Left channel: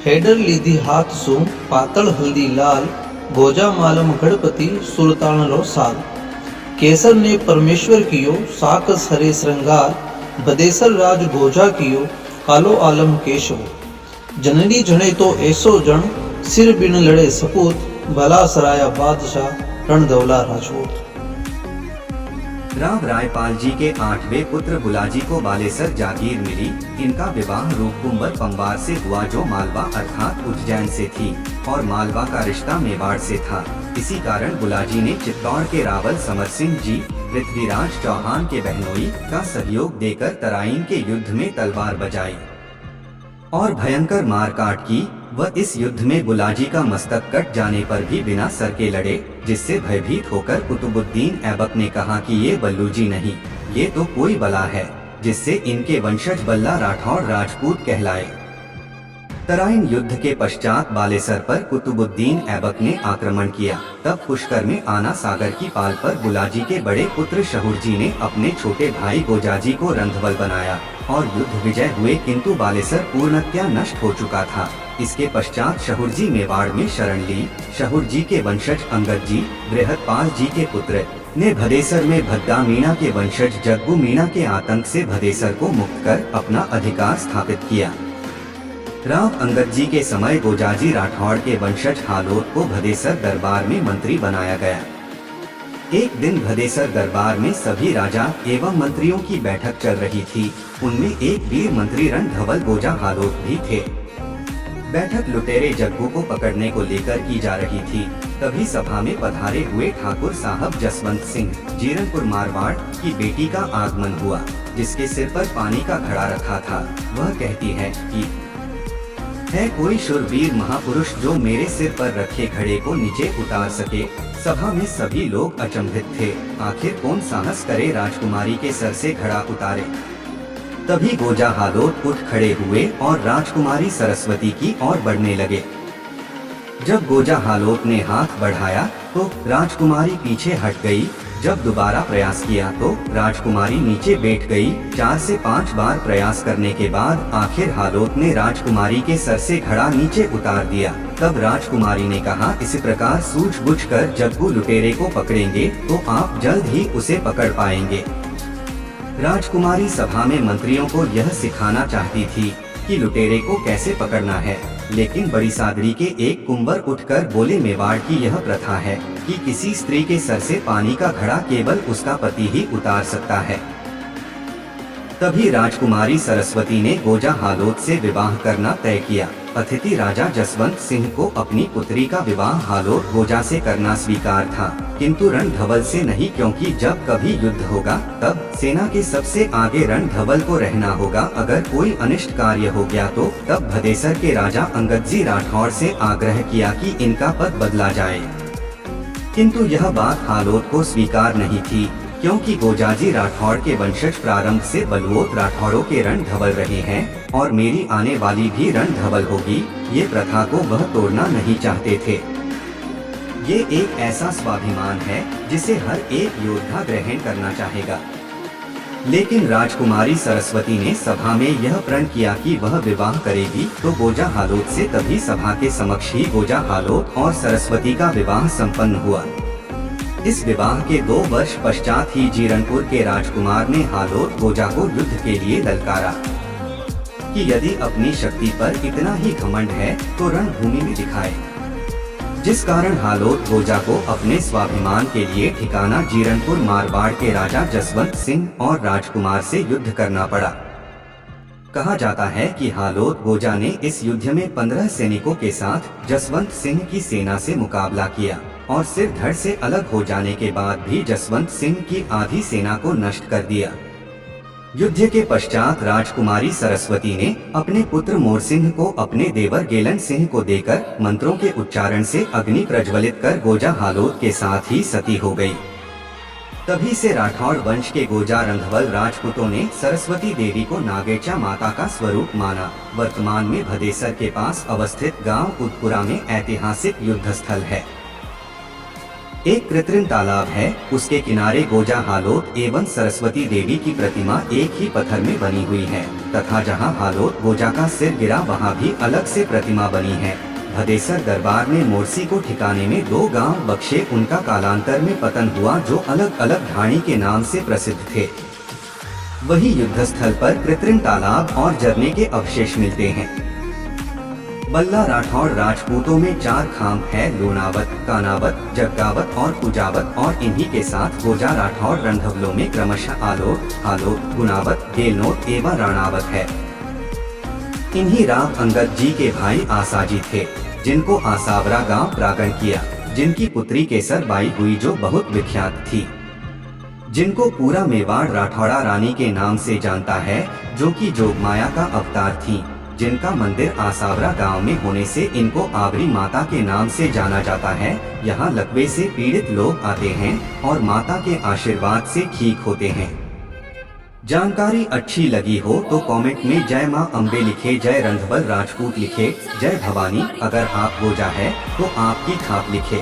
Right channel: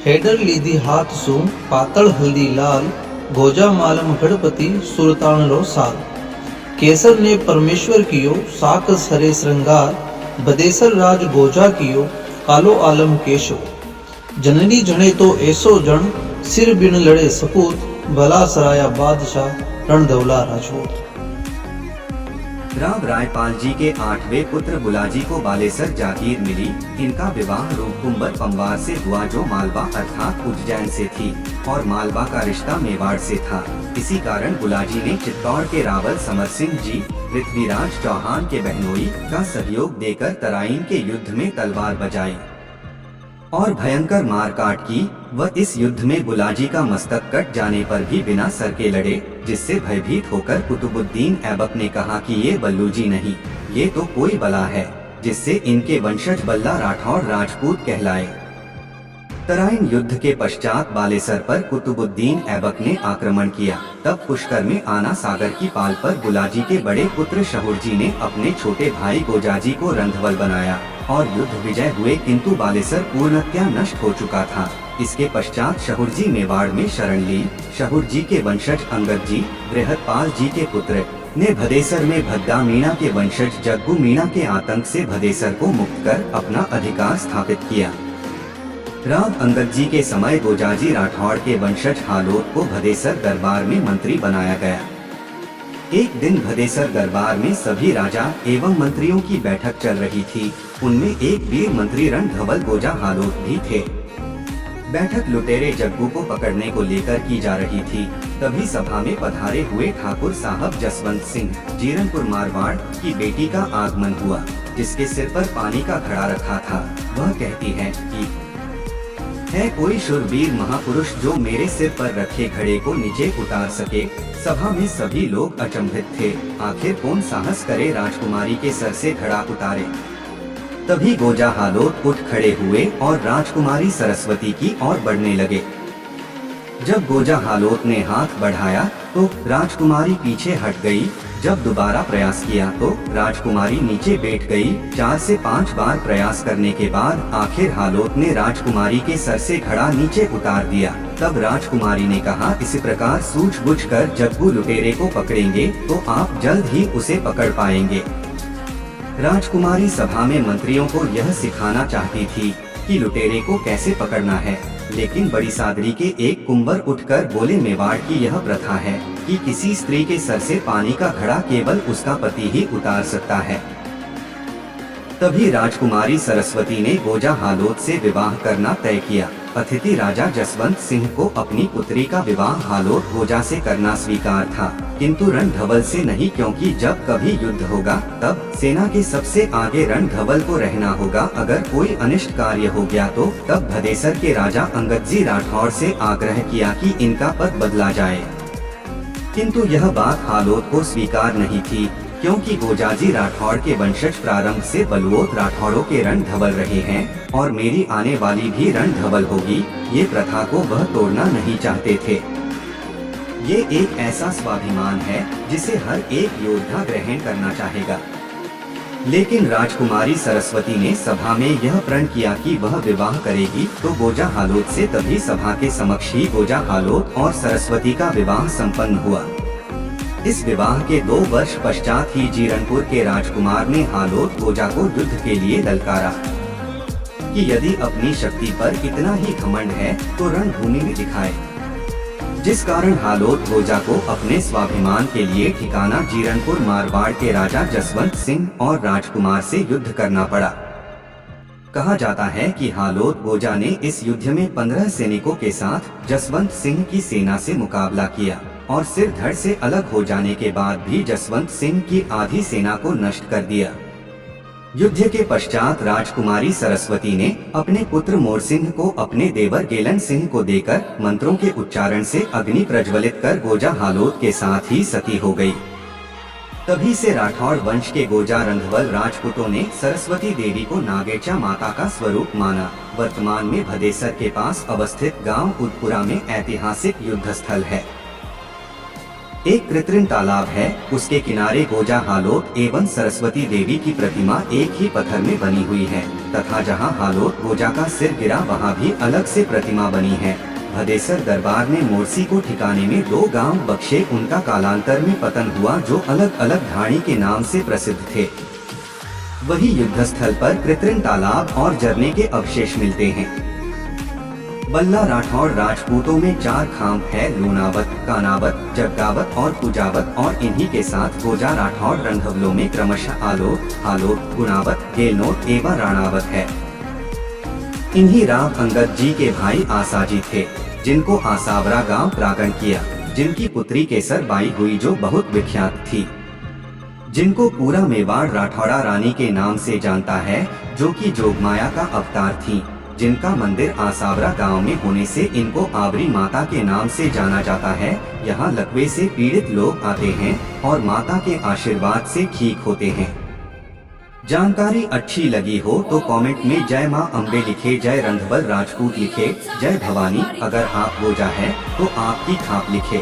Header लीधी हाथ सू पातळ हल्दी लाल, गोजा मालम गणपति सुल्तान लो साल। केसर ने परमेश्वर कियो साकस हरे श्रृंगार, बदेसर राज गोजा कियो कालो आलम केशव। जननी जने तो ऐसो जन, सिर बिन लड़े सपूत, भला सराया बादशाह रणधवला राजपूत। राव रायपाल जी के 8वें पुत्र बुलाजी को बालेसर जागीर मिली। इनका विवाह रूपकुंबर पंवार से हुआ जो मालवा अर्थात उज्जैन से थी और मालवा का रिश्ता मेवाड़ से था। इसी कारण बुलाजी ने चित्तौड़ के रावल समर सिंह जी पृथ्वीराज चौहान के बहनोई का सहयोग देकर तराइन के युद्ध में तलवार बजाई और भयंकर मारकाट की। वह इस युद्ध में बुलाजी का मस्तक कट जाने पर भी बिना सर के लड़े, जिससे भयभीत होकर कुतुबुद्दीन ऐबक ने कहा कि ये बल्लूजी नहीं, ये तो कोई बला है, जिससे इनके वंशज बल्ला राठौड़ राजपूत कहलाए। तराइन युद्ध के पश्चात बालेसर पर कुतुबुद्दीन ऐबक ने आक्रमण किया। तब पुष्कर में आना सागर की पाल पर बुलाजी के बड़े पुत्र शहुरजी ने अपने छोटे भाई गोजाजी को रंधवल बनाया और युद्ध विजय हुए, किंतु बालेसर पूर्णतया नष्ट हो चुका था। इसके पश्चात शहुरजी मेवाड़ में शरण ली। शहुरजी के वंशज अंगद जी बृहदपाल जी के पुत्र ने भदेसर में भद्दा मीणा के वंशज जग्गू मीणा के आतंक से भदेसर को मुक्त कर अपना अधिकार स्थापित किया। राव अंगद जी के समय गोजाजी राठौड़ के वंशज हालोद को भदेसर दरबार में मंत्री बनाया गया। एक दिन भदेसर दरबार में सभी राजा एवं मंत्रियों की बैठक चल रही थी। उनमें एक वीर मंत्री रणधवल गोजा हालोद भी थे। बैठक लुटेरे जग्गू को पकड़ने को लेकर की जा रही थी। तभी सभा में पधारे हुए ठाकुर साहब जसवंत सिंह जीरनपुर मारवाड़ की बेटी का आगमन हुआ, जिसके सिर पर पानी का घड़ा रखा था। वह कहती है कि है कोई शूरवीर महापुरुष जो मेरे सिर पर रखे घड़े को नीचे उतार सके। सभा में सभी लोग अचंभित थे। आखिर कौन साहस करे राजकुमारी के सर से घड़ा उतारे। तभी गोजा हालोद उठ खड़े हुए और राजकुमारी सरस्वती की ओर बढ़ने लगे। जब गोजा हालोद ने हाथ बढ़ाया तो राजकुमारी पीछे हट गई। जब दोबारा प्रयास किया तो राजकुमारी नीचे बैठ गई। 4 से 5 बार प्रयास करने के बाद आखिर हालोद ने राजकुमारी के सर से घड़ा नीचे उतार दिया। तब राजकुमारी ने कहा, इस प्रकार सूझबूझकर जग्गू लुटेरे को पकड़ेंगे तो आप जल्द ही उसे पकड़ पाएंगे। राजकुमारी सभा में मंत्रियों को यह सिखाना चाहती थी कि लुटेरे को कैसे पकड़ना है, लेकिन बड़ी सादरी के एक कुंवर उठकर बोले, मेवाड़ की यह प्रथा है कि किसी स्त्री के सर से पानी का घड़ा केवल उसका पति ही उतार सकता है। तभी राजकुमारी सरस्वती ने गोजा हालोद से विवाह करना तय किया। अतिथि राजा जसवंत सिंह को अपनी पुत्री का विवाह हालोद गोजा से करना स्वीकार था, किंतु रणधवल से नहीं, क्योंकि जब कभी युद्ध होगा तब सेना के सबसे आगे रणधवल को रहना होगा। अगर कोई अनिष्ट कार्य हो गया तो तब भदेसर के राजा अंगदजी राठौड़ से आग्रह किया कि इनका पद बदला जाए, किंतु यह बात हालोद को स्वीकार नहीं थी, क्योंकि गोजाजी राठौड़ के वंशज प्रारंभ से बलुओत राठौड़ों के रणधवल रहे हैं और मेरी आने वाली भी रणधवल होगी। ये प्रथा को वह तोड़ना नहीं चाहते थे। ये एक ऐसा स्वाभिमान है जिसे हर एक योद्धा ग्रहण करना चाहेगा। लेकिन राजकुमारी सरस्वती ने सभा में यह प्रण किया कि वह विवाह करेगी तो गोजा हालोद से। तभी सभा के समक्ष ही गोजा हालोद और सरस्वती का विवाह संपन्न हुआ। इस विवाह के 2 वर्ष पश्चात ही जीरनपुर के राजकुमार ने हालोद गोजा को युद्ध के लिए ललकारा कि यदि अपनी शक्ति पर इतना ही घमंड है तो रणभूमि में दिखाए, जिस कारण हालोद गोजा को अपने स्वाभिमान के लिए ठिकाना जीरनपुर मारवाड़ के राजा जसवंत सिंह और राजकुमार से युद्ध करना पड़ा। कहा जाता है कि हालोद गोजा ने इस युद्ध में 15 सैनिकों के साथ जसवंत सिंह की सेना से मुकाबला किया और सिर धड़ से अलग हो जाने के बाद भी जसवंत सिंह की आधी सेना को नष्ट कर दिया। युद्ध के पश्चात राजकुमारी सरस्वती ने अपने पुत्र मोरसिंह को अपने देवर गेलन सिंह को देकर मंत्रों के उच्चारण से अग्नि प्रज्वलित कर गोजा हालोद के साथ ही सती हो गई। तभी से राठौड़ वंश के गोजा रंधवल राजपूतों ने सरस्वती देवी को नागेचा माता का स्वरूप माना। वर्तमान में भदेसर के पास अवस्थित गांव उदपुरा में ऐतिहासिक युद्ध स्थल है। एक कृत्रिम तालाब है, उसके किनारे गोजा हालोद एवं सरस्वती देवी की प्रतिमा एक ही पत्थर में बनी हुई है। तथा जहां हालोट गोजा का सिर गिरा वहां भी अलग से प्रतिमा बनी है। भदेसर दरबार ने मोरसी को ठिकाने में 2 गांव बख्शे, उनका कालांतर में पतन हुआ, जो अलग अलग ढाणी के नाम से प्रसिद्ध थे। वही युद्धस्थल पर कृत्रिम तालाब और झरने के अवशेष मिलते हैं। बल्ला राठौड़ राजपूतों में 4 खाम है, लूणावत, कानावत, जग्गावत और कुजावत, और इन्हीं के साथ गोजा राठौड़ रंधवलों में क्रमशः आलोट, हालोट, गुणावत, गेलनोट एवं राणावत है। इन्हीं राव अंगद जी के भाई आसाजी थे, जिनको आसावरा गांव प्रागण किया, जिनकी पुत्री केसर बाई हुई जो बहुत विख्यात थी, जिनको पूरा मेवाड़ राठौड़ा रानी के नाम से जानता है, जो कि जोगमाया का अवतार थी, जिनका मंदिर आसावरा गांव में होने से इनको आवरी माता के नाम से जाना जाता है। यहाँ लकवे से पीड़ित लोग आते हैं और माता के आशीर्वाद से ठीक होते हैं। जानकारी अच्छी लगी हो तो कमेंट में जय मां अम्बे लिखे, जय रंधवल राजपूत लिखे, जय भवानी। अगर आप गोजा है तो आपकी खाप लिखे।